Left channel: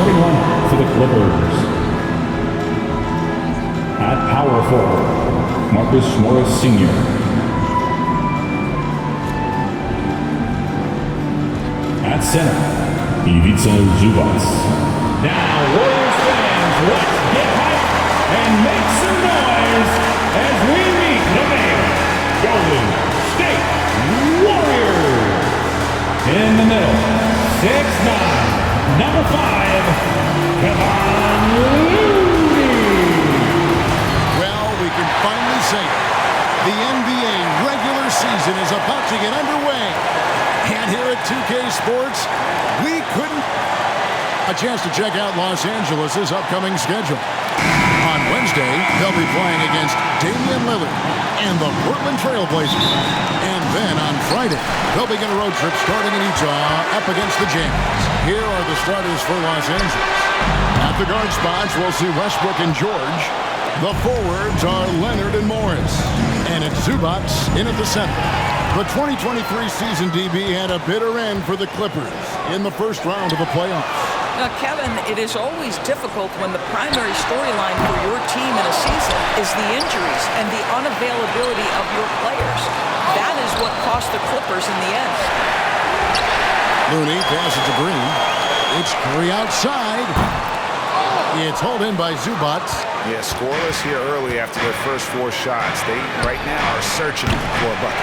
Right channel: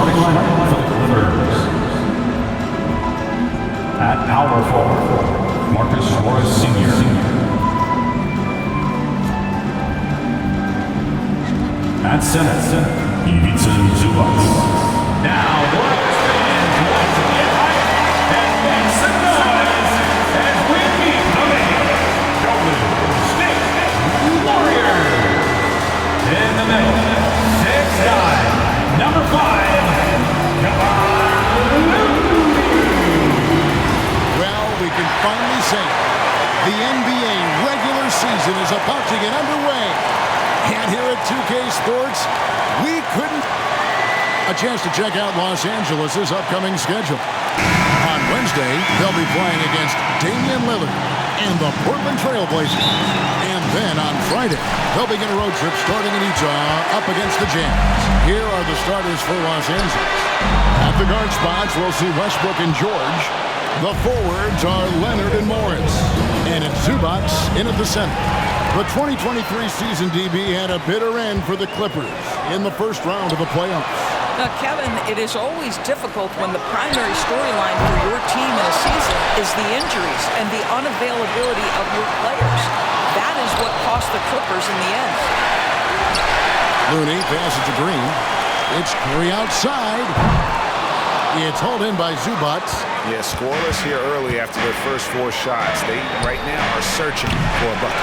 starting lineup for the Clippers. At power forward, Marcus Morris Sr. At center, Ivica Zubac. Now, Warriors fans, let's get hyped and make some noise as we meet the big Golden State Warriors. In the middle, 6'9", number 5, Kevon Looney. Well, we can finally say it. The NBA regular season is about to get underway. And here at 2K Sports, we couldn't... A chance to check out Los Angeles' upcoming schedule. On Wednesday, they'll be playing against Damian Lillard and the Portland Trail Blazers. And then on Friday, they'll begin a road trip starting in Utah up against the Jazz. Here are the starters for Los Angeles. At the guard spots, we'll see Westbrook and George. The forwards are Leonard and Morris. And it's Zubac in at the center. The 2023 season, DB, had a bitter end for the Clippers in the first round of the playoffs. Now, Kevin, it is always difficult when the primary storyline for your team in a season is the injuries and the unavailability of your players. That is what cost the Clippers in the end. Looney passes to Green. It's Curry outside. It's hauled in by Zubac. Yeah, scoreless here early after their first 4 shots. They, right now, are searching for a bucket.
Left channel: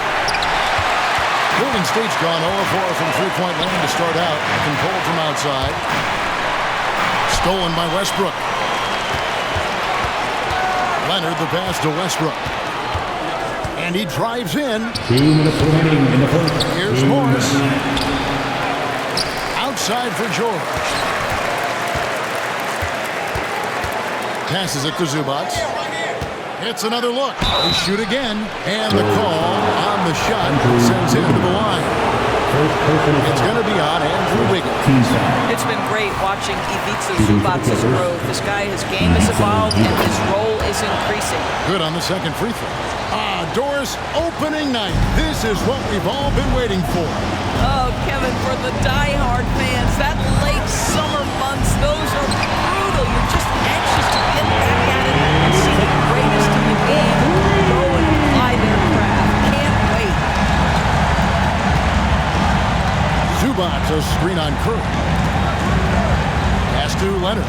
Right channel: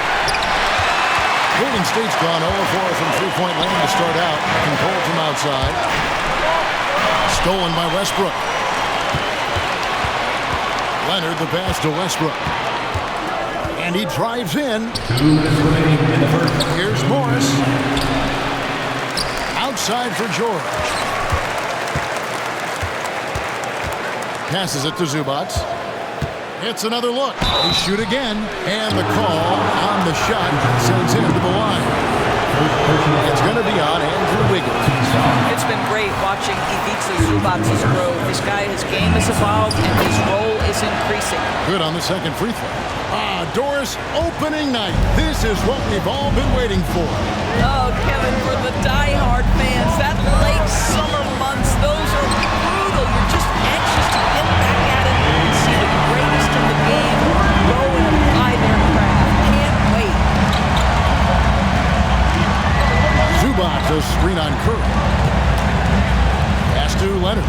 Golden State's gone 0-4 from three-point land to start out. Controlled from outside. Stolen by Westbrook. Leonard the pass to Westbrook. And he drives in. 2 minutes remaining in the first. Here's Morris. Outside for George. Passes it to Zubac. It's another look. They shoot again. And the call on the shot sends him to the line. It's going to be on Andrew Wiggins. It's been great watching Ivica Zubac's growth. This guy, his game has evolved and his role is increasing. Good on the second free throw. Doris, opening night. This is what we've all been waiting for. Oh, Kevin, for the die-hard fans, that late summer months, those are brutal. You're just anxious to get back at it and see the greatest in the game go and apply their craft. Can't wait. Zubac, a screen on Curry. Pass to Leonard.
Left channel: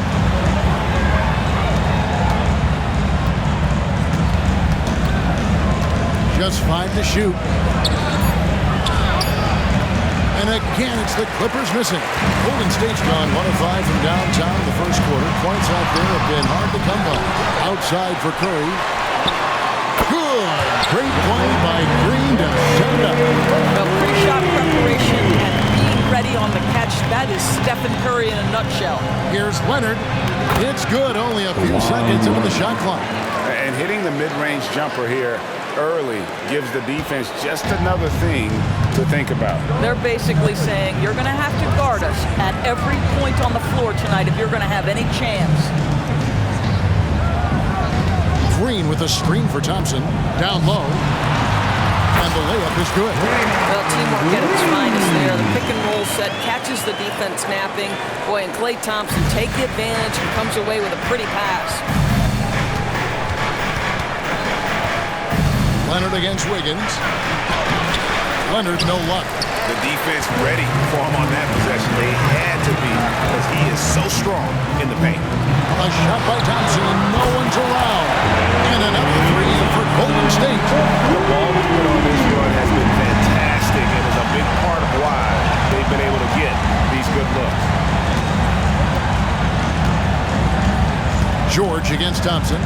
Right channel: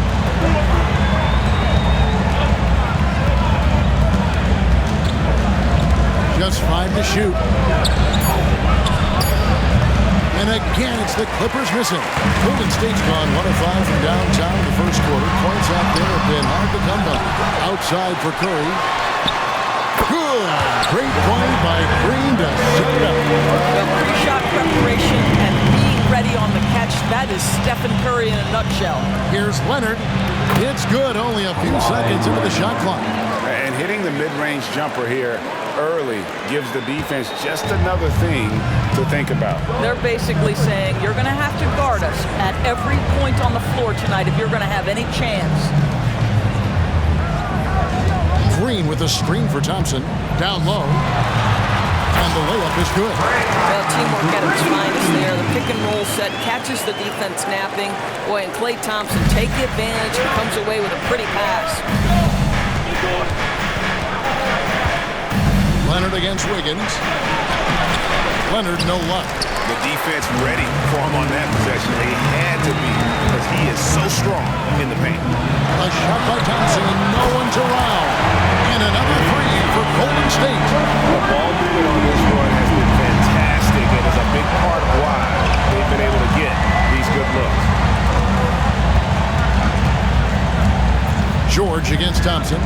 Just 5 to shoot. And again, it's the Clippers missing. Golden State's gone 1 of 5 from downtown in the first quarter. Points out there have been hard to come by. Outside for Curry. Good. Great play by Green to set it up. Well, pre-shot preparation and being ready on the catch, that is Stephen Curry in a nutshell. Here's Leonard. It's good. Only a few seconds into the shot clock. And hitting the mid-range jumper here early gives the defense just another thing to think about. They're basically saying you're going to have to guard us at every point on the floor tonight if you're going to have any chance. Green with a screen for Thompson. Down low. And the layup is good. Well, teamwork at its finest there. The pick and roll set catches the defense napping. Boy, and Klay Thompson take the advantage and comes away with a pretty pass. Leonard against Wiggins. Leonard, no luck. The defense ready for him on that possession. They had to be because he is so strong in the paint. A shot by Thompson, no one's around. And another 3 for Golden State. The ball movement on this run has been fantastic and is a big part of why they've been able to get these good looks. George against Thompson.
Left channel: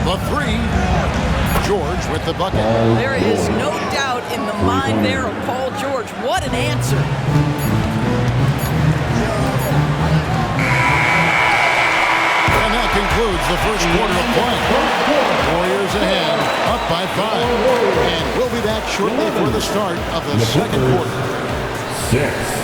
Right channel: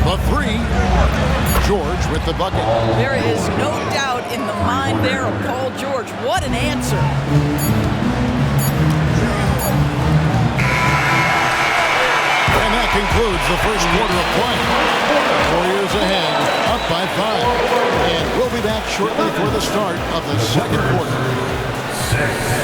The 3. George with the bucket. There is no doubt in the mind there of Paul George. What an answer. And that concludes the first quarter of play. Warriors ahead, up by 5. And we'll be back shortly for the start of the second quarter. 6.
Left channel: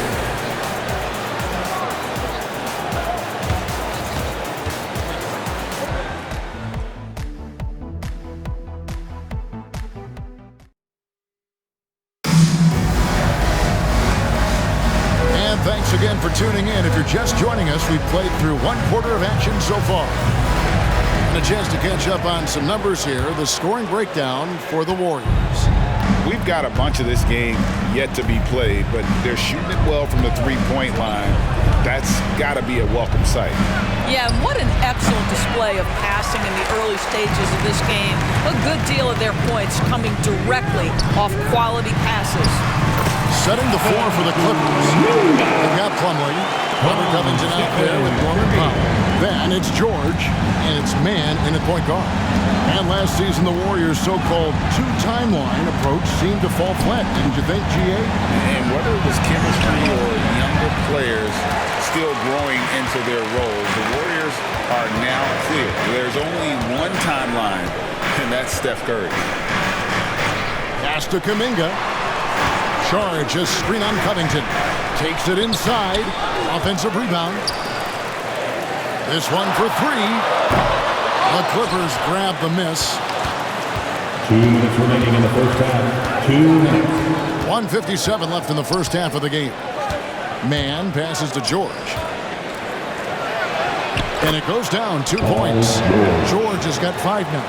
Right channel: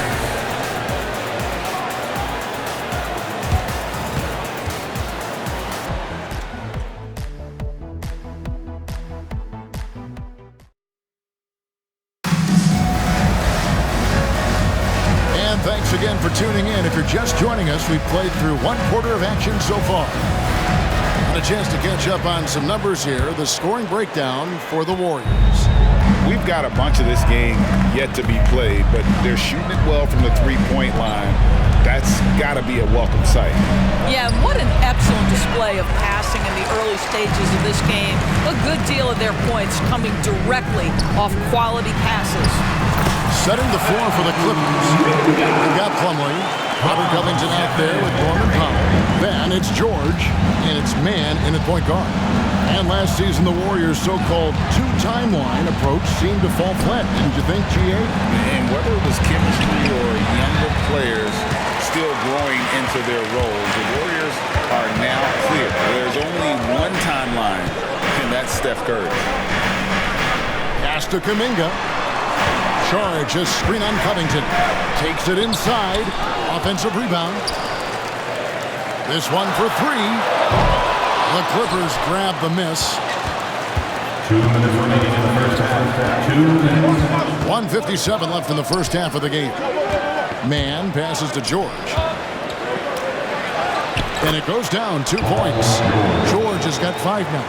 Thanks Thanks again for tuning in. If you're just joining us, we've played through one quarter of action so far. And a chance to catch up on some numbers here. The scoring breakdown for the Warriors. We've got a bunch of this game yet to be played, but they're shooting it well from the three-point line. That's got to be a welcome sight. Yeah, and what an excellent display of passing in the early stages of this game. A good deal of their points coming directly off quality passes. Setting the floor for the Clippers. They've got Plumlee. Robert Covington out there with Norman Powell. Then it's George, and it's man in at point guard. And last season, the Warriors' so-called two-timeline approach seemed to fall flat, didn't you think, G.A.? And whether it was chemistry or younger players still growing into their roles, the Warriors are now clear. There's only one timeline, and that's Steph Curry. Pass to Kuminga. Charge, a screen on Covington. Takes it inside. Offensive rebound. This one for three. The Clippers grab the miss. 2 minutes remaining in the first half. 2 minutes. 1:57 left in the first half of the game. Man passes to George. And it goes down 2 points. George has got 5 now.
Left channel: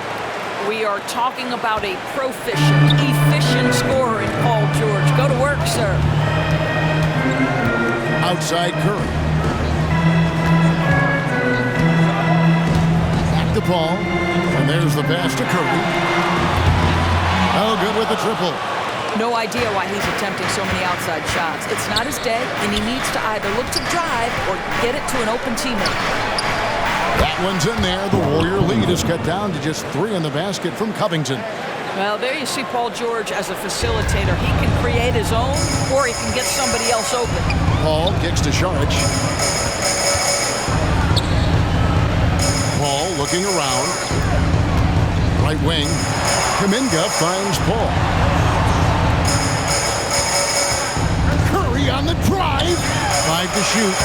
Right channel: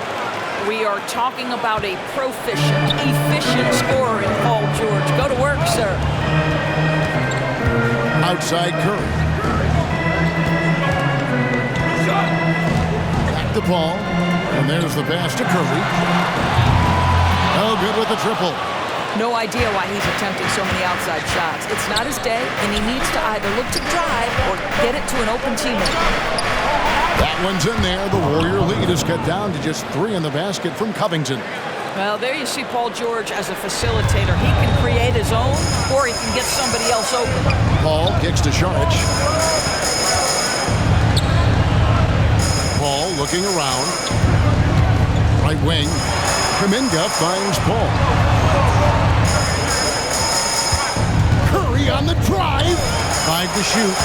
We are talking about a proficient, efficient scorer in Paul George. Go to work, sir. Outside Curry. Back to Paul. And there's the pass to Curry. Oh, good with the triple. No idea why he's attempting so many outside shots. It's not his day, and he needs to either look to drive or get it to an open teammate. That one's in there. The Warrior lead is cut down to just 3 in the basket from Covington. Well, there you see Paul George as a facilitator. He can create his own, or he can get somebody else open. Paul kicks to Saric. Paul looking around. Right wing. Kuminga finds Paul. Curry on the drive. 5 to shoot.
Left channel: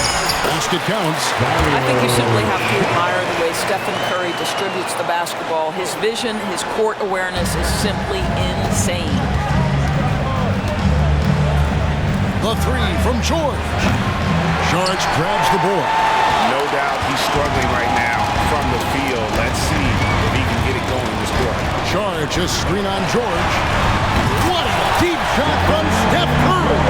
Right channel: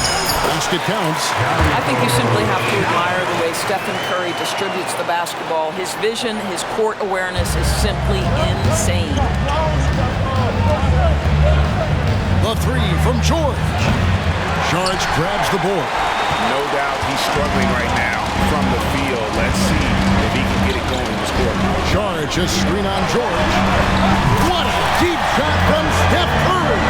Basket counts. I think you simply have to admire the way Stephen Curry distributes the basketball. His vision, his court awareness is simply insane. The 3 from George. Saric grabs the board. No doubt he's struggling right now from the field. Let's see if he can get it going this quarter. Saric, a screen on George. What a deep shot from Steph Curry.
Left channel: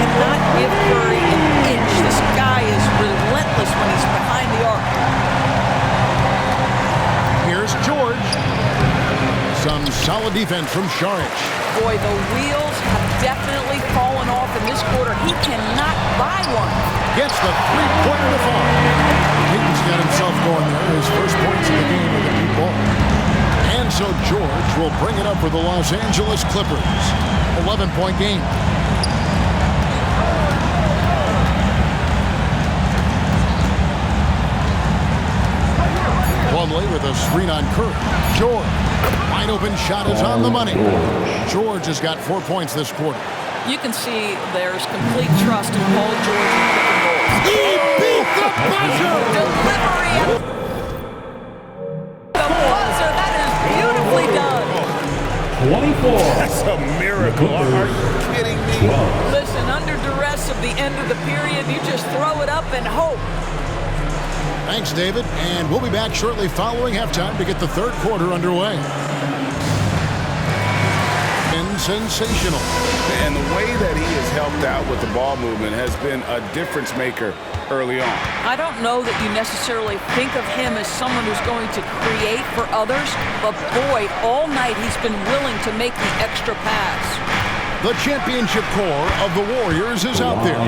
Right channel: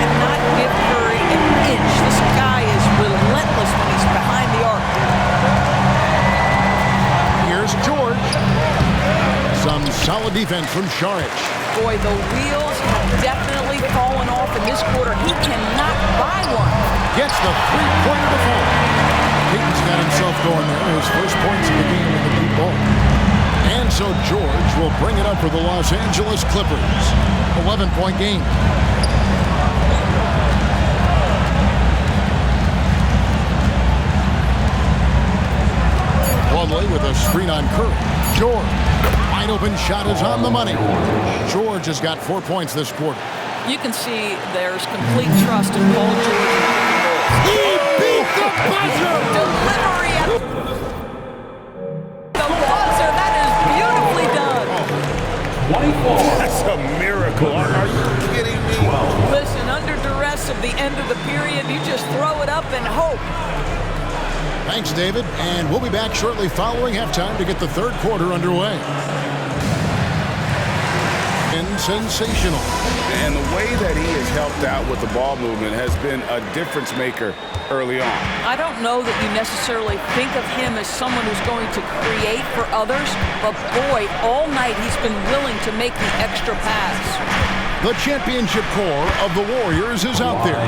Cannot give Curry an inch. This guy is relentless when he's behind the arc. Here's George. Some solid defense from Saric. Boy, the wheels have definitely fallen off in this quarter. He cannot buy one. Gets the three-pointer to fall. Peyton's got himself going there. His first points of the game on the deep ball. And so George will bring it up for the Los Angeles Clippers. 11-point game. Plumlee with a screen on Curry. George. Wide open shot is on the money. George has got 4 points this quarter. You can see there's complete trust in Paul George and pick and rolls. He beat the buzzer! Delivery at the buzzer. That is beautifully done. 24. That's a miracle. Are you kidding me? 12. Listen, under duress of the end of the period, you just throw it up and hope. Thanks, David. And we'll be back shortly following halftime to get the third quarter underway. And sensational. And the way that he has helped out with the ball movement has been a difference maker early on. I don't know that you necessarily think of him as someone who's going to create for others, but boy, all night he's been willing to make the extra pass. The championship core of the Warriors is out there.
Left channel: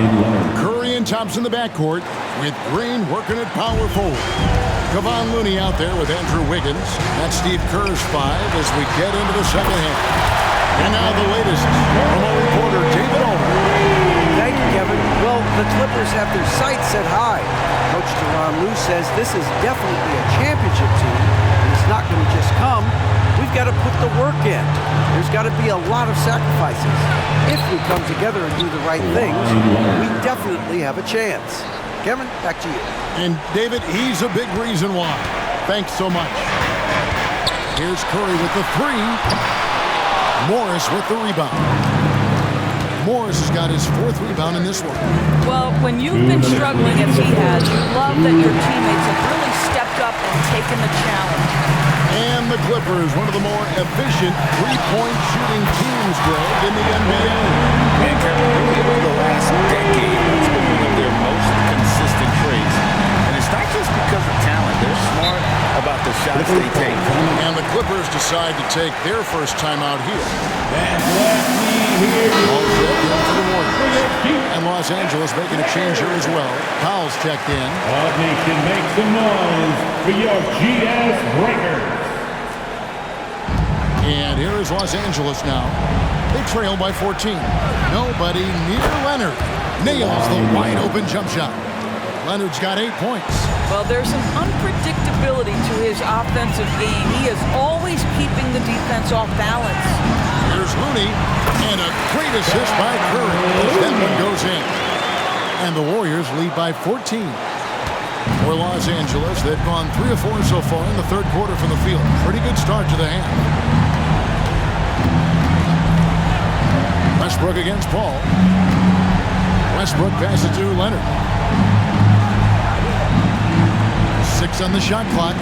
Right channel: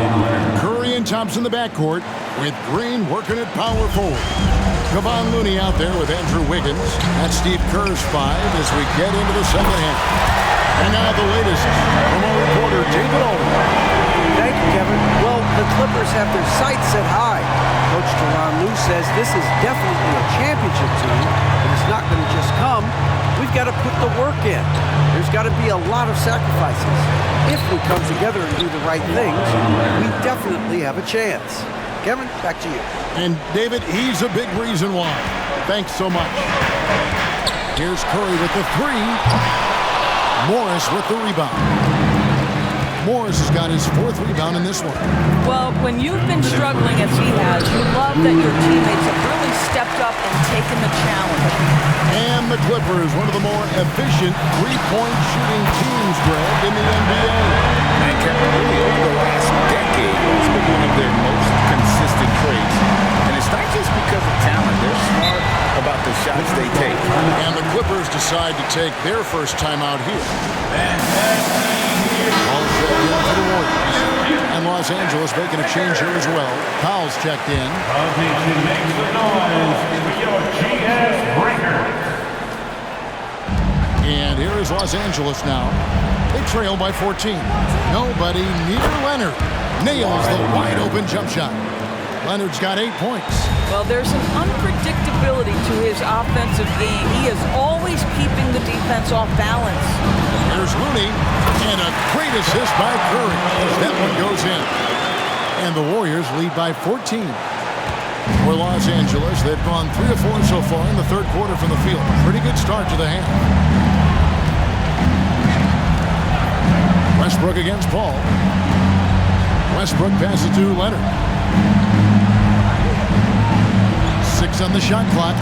Curry and Thompson in the backcourt with Green working at power forward. Kevon Looney out there with Andrew Wiggins. That's Steve Kerr's 5 as we get into the second half. And now the latest from our reporter, David Aldridge. Thank you, Kevin. Well, the Clippers have their sights set high. Coach Tyronn Lue says this is definitely a championship team, and it's not going to just come. We've got to put the work in. There's got to be a lot of sacrifices. If we come together and do the right things, we definitely have a chance. Kevin, back to you. And David, he's a big reason why. Thanks so much. Here's Curry with the 3. Morris with the rebound. Morris has got his 4th rebound in this one. Well, when you've been struggling as he has, you love that your teammates have really stepped up and taken the challenge. And the Clippers, one of the more efficient three-point shooting teams, Greg, in the NBA. And Kevin, really over the last decade, that's been one of their most consistent traits. And it's not just because of talent. They're smart about the shots they take. And the Clippers decide to take their first timeout here. All checked in for the Warriors. And Los Angeles making a change here as well. Powell's checked in. Nation, make some noise for your GS Breakers. And here is Los Angeles now. They trail by 14. Nobody near Leonard. Nails the wide open jump shot. Leonard's got 8 points. Well, there's an unpredictability to his offensive game. He is always keeping the defense off balance. Here's Looney, and a great assist by Curry as that one goes in. And the Warriors lead by 14. For Los Angeles, they've gone 3 of 4 so far in the third quarter from the field. Pretty good start to the half. Westbrook against Paul. Westbrook passes to Leonard. 6 on the shot clock.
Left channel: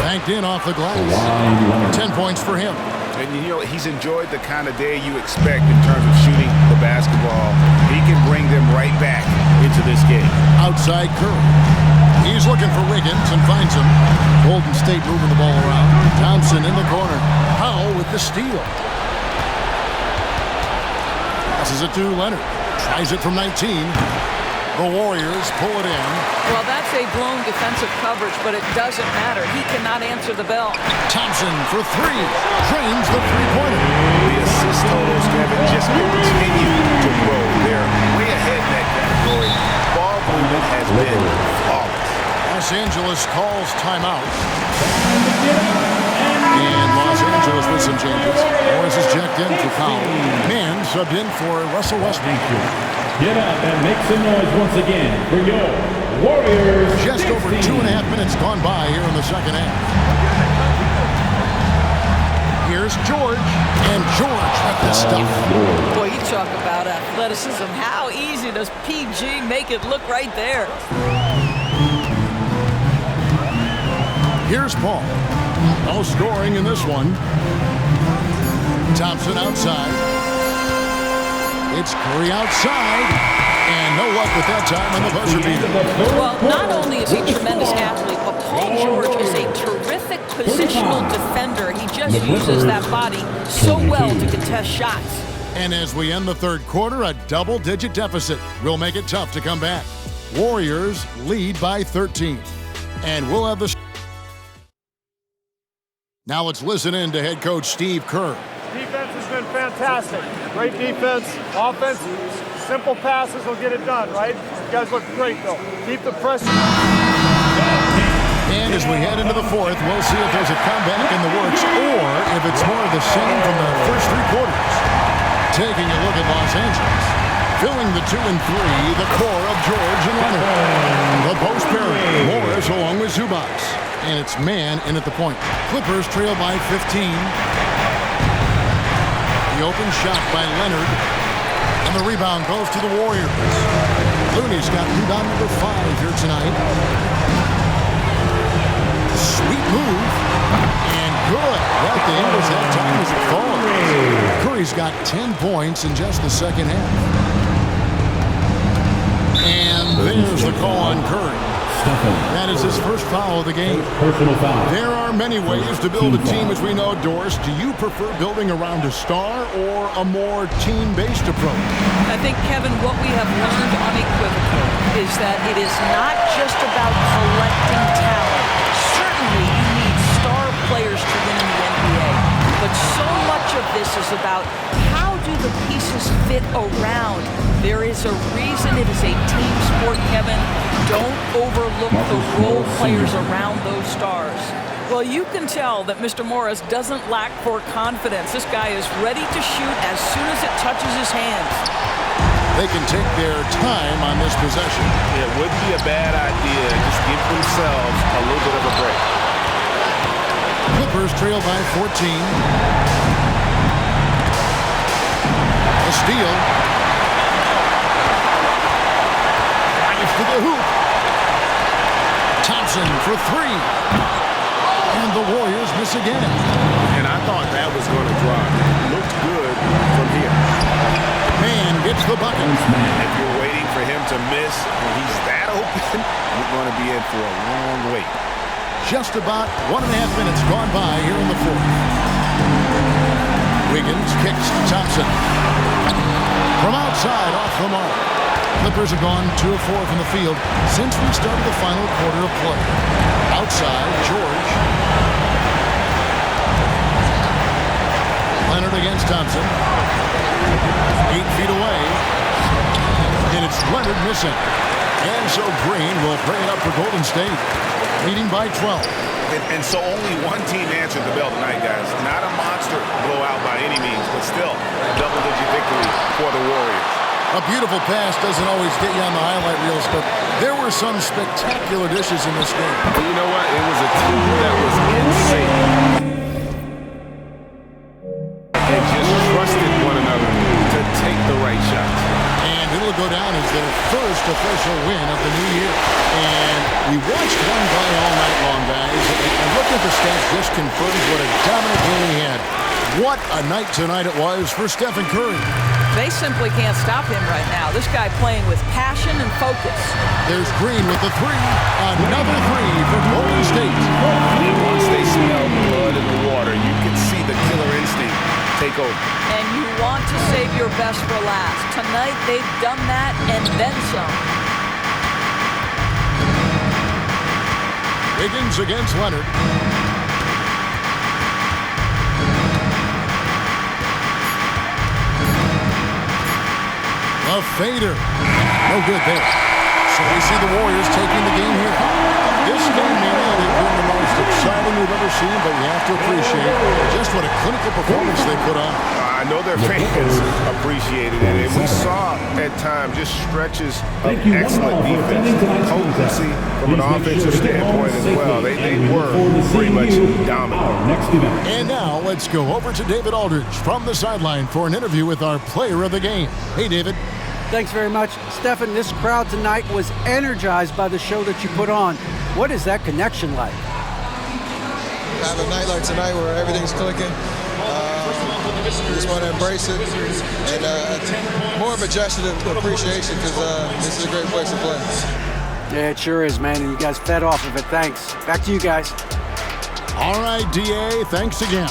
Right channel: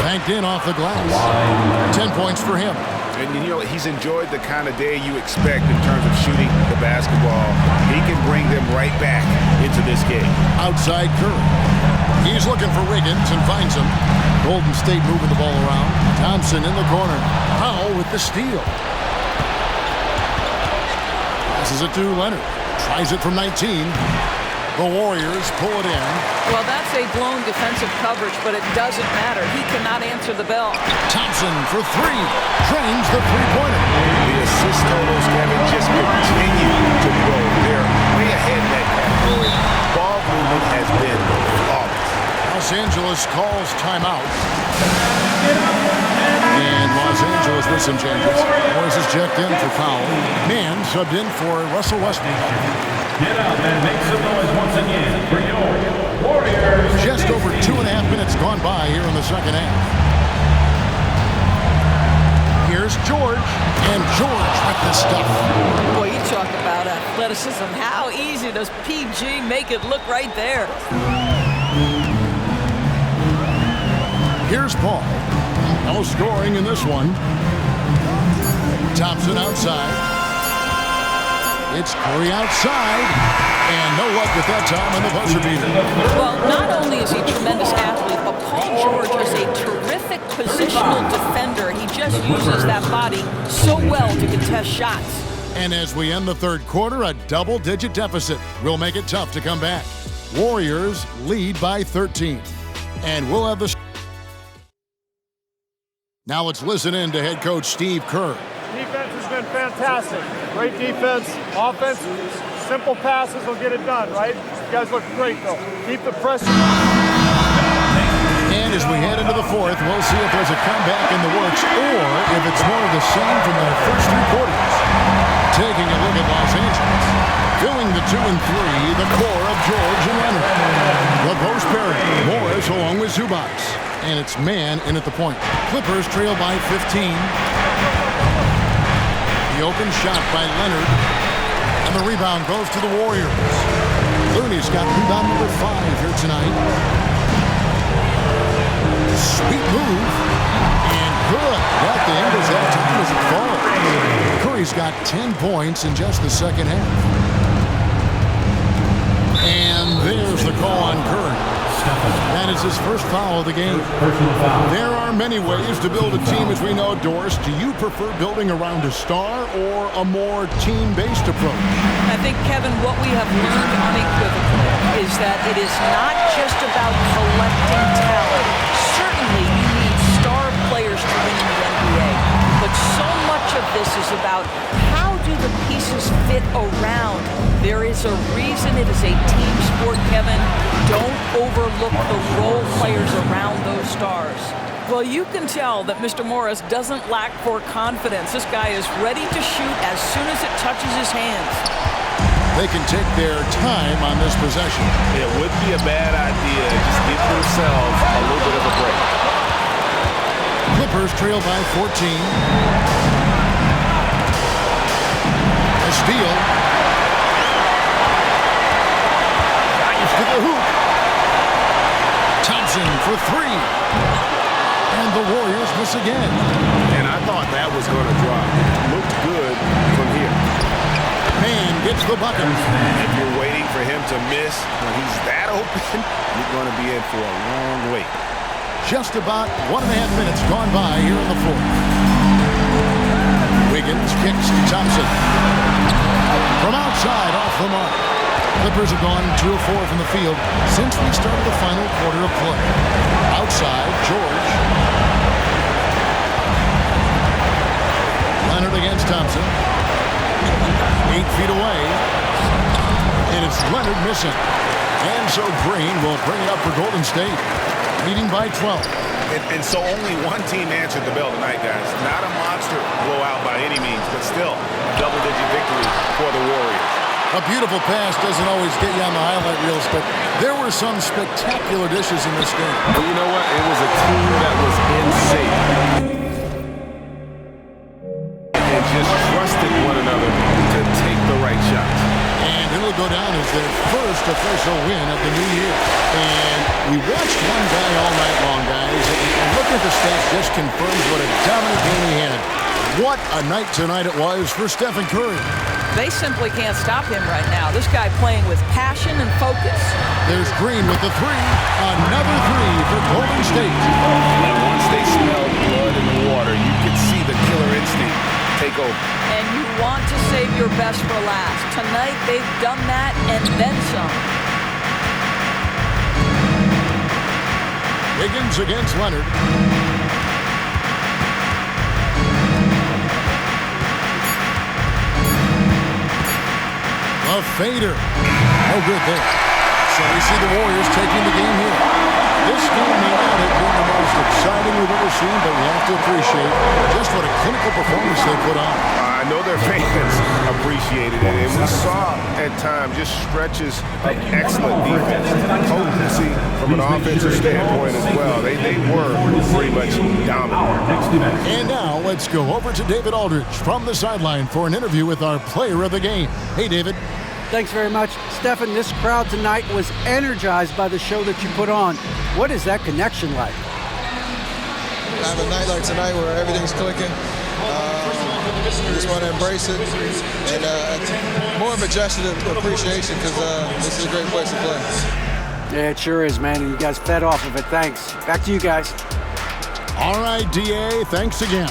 Banked in off the glass. 10 points for him. And, you know, he's enjoyed the kind of day you expect in terms of shooting the basketball. He can bring them right back into this game. Outside Curry. He's looking for Wiggins and finds him. Golden State moving the ball around. Thompson in the corner. Powell with the steal. Passes it to Leonard. Tries it from 19. The Warriors pull it in. Well, that's a blown defensive coverage, but it doesn't matter. He cannot answer the bell. Thompson for 3. Drains the three-pointer. The assist totals, Kevin, just continue to grow. They're way ahead in that category. Ball movement has been flawless. Los Angeles calls timeout. And Los Angeles with some changes. Morris is checked in for Powell. Mann subbed in for Russell Westbrook. Get up and make some noise once again for your Warriors. Just over 2.5 minutes gone by here in the second half. Here's George, and George with the stuff. Boy, you talk about athleticism. How easy does PG make it look right there? Here's Paul. No scoring in this one. Thompson outside. It's Curry outside, and no luck with that time on the buzzer beater. Well, not only is he a tremendous athlete, but Paul George is a terrific positional defender. He just uses that body so well to contest shots. And as we end the third quarter, a double-digit deficit will make it tough to come back. Warriors lead by 13. And we'll have the... Now let's listen in to head coach Steve Kerr. Defense has been fantastic. Great defense. Offense, simple passes will get it done, right? You guys look great, though. Keep the pressure. And as we head into the fourth, we'll see if there's a comeback in the works or if it's more of the same from the first 3 quarters. Taking a look at Los Angeles. Filling the 2 and 3, the core of George and Leonard. The post pairing, Morris along with Zubac. And it's Mann in at the point. Clippers trail by 15. The open shot by Leonard. And the rebound goes to the Warriors. Looney's got rebound number 5 here tonight. Sweet move. And good. Got the angles that time as it falls. Curry's got 10 points in just the second half. And there's the call on Curry. That is his first foul of the game. Personal foul. There are many ways to build a team, as we know, Doris. Do you prefer building around a star or a more team-based approach? I think, Kevin, what we have learned unequivocally is that it is not just about collecting talent. Certainly, you need star players to win in the NBA. But so much of this is about how do the pieces fit around. There is a reason it is a team sport, Kevin. Don't overlook the role players around those stars. Well, you can tell that Mr. Morris doesn't lack for confidence. This guy is ready to shoot as soon as it touches his hands. They can take their time on this possession. It wouldn't be a bad idea. Just give themselves a little bit of a break. Clippers trail by 14. A steal. Drives to the hoop. Thompson for three. And the Warriors miss again. And I thought that was going to drop. It looked good from here. Man gets the bucket. If you're waiting for him to miss when he's that open, you're going to be in for a long wait. Just about 1.5 minutes gone by here in the fourth. Wiggins kicks to Thompson. From outside, off the mark. Clippers have gone 2 of 4 from the field since we started the final quarter of play. Outside, George. Leonard against Thompson. 8 feet away. And it's Leonard missing. And so Green will bring it up for Golden State, leading by 12. And so only one team answered the bell tonight, guys. Not a monster blowout by any means, but still a double-digit victory for the Warriors. A beautiful pass doesn't always get you on the highlight reels, but there were some spectacular dishes in this game. But you know what? It was a team that was in sync and just trusted one another to take the right shots. And it'll go down as their first official win of the new year. And we watched one guy all night long, guys, and looking at the stats just confirms what a dominant game he had. What a night tonight it was for Stephen Curry. They simply can't stop him right now. This guy playing with passion and focus. There's Green with the three. Another three for Golden State. And once they smelled blood in the water, you could see the killer instinct take over. And you want to save your best for last. Tonight, they've done that and then some. Wiggins against Leonard. A fader. No good there. So we see the Warriors taking the game here. This game may not have been the most exciting we've ever seen, but you have to appreciate just what a clinical performance they put on. I know their fans appreciated it, and we saw at times just stretches of excellent defense, potency from an offensive standpoint as well. They were pretty much dominant. And now let's go over to David Aldridge from the sideline for an interview with our player of the game. Hey, David. Thanks very much. Stephen, this crowd tonight was energized by the show that you put on. What is that connection like? Have a night like tonight where everything's clicking. We just want to embrace it. And more of a gesture of appreciation because this is a great place to play. Yeah, it sure is, man. And you guys fed off of it. Thanks. Back to you guys. All right, DA. Thanks again.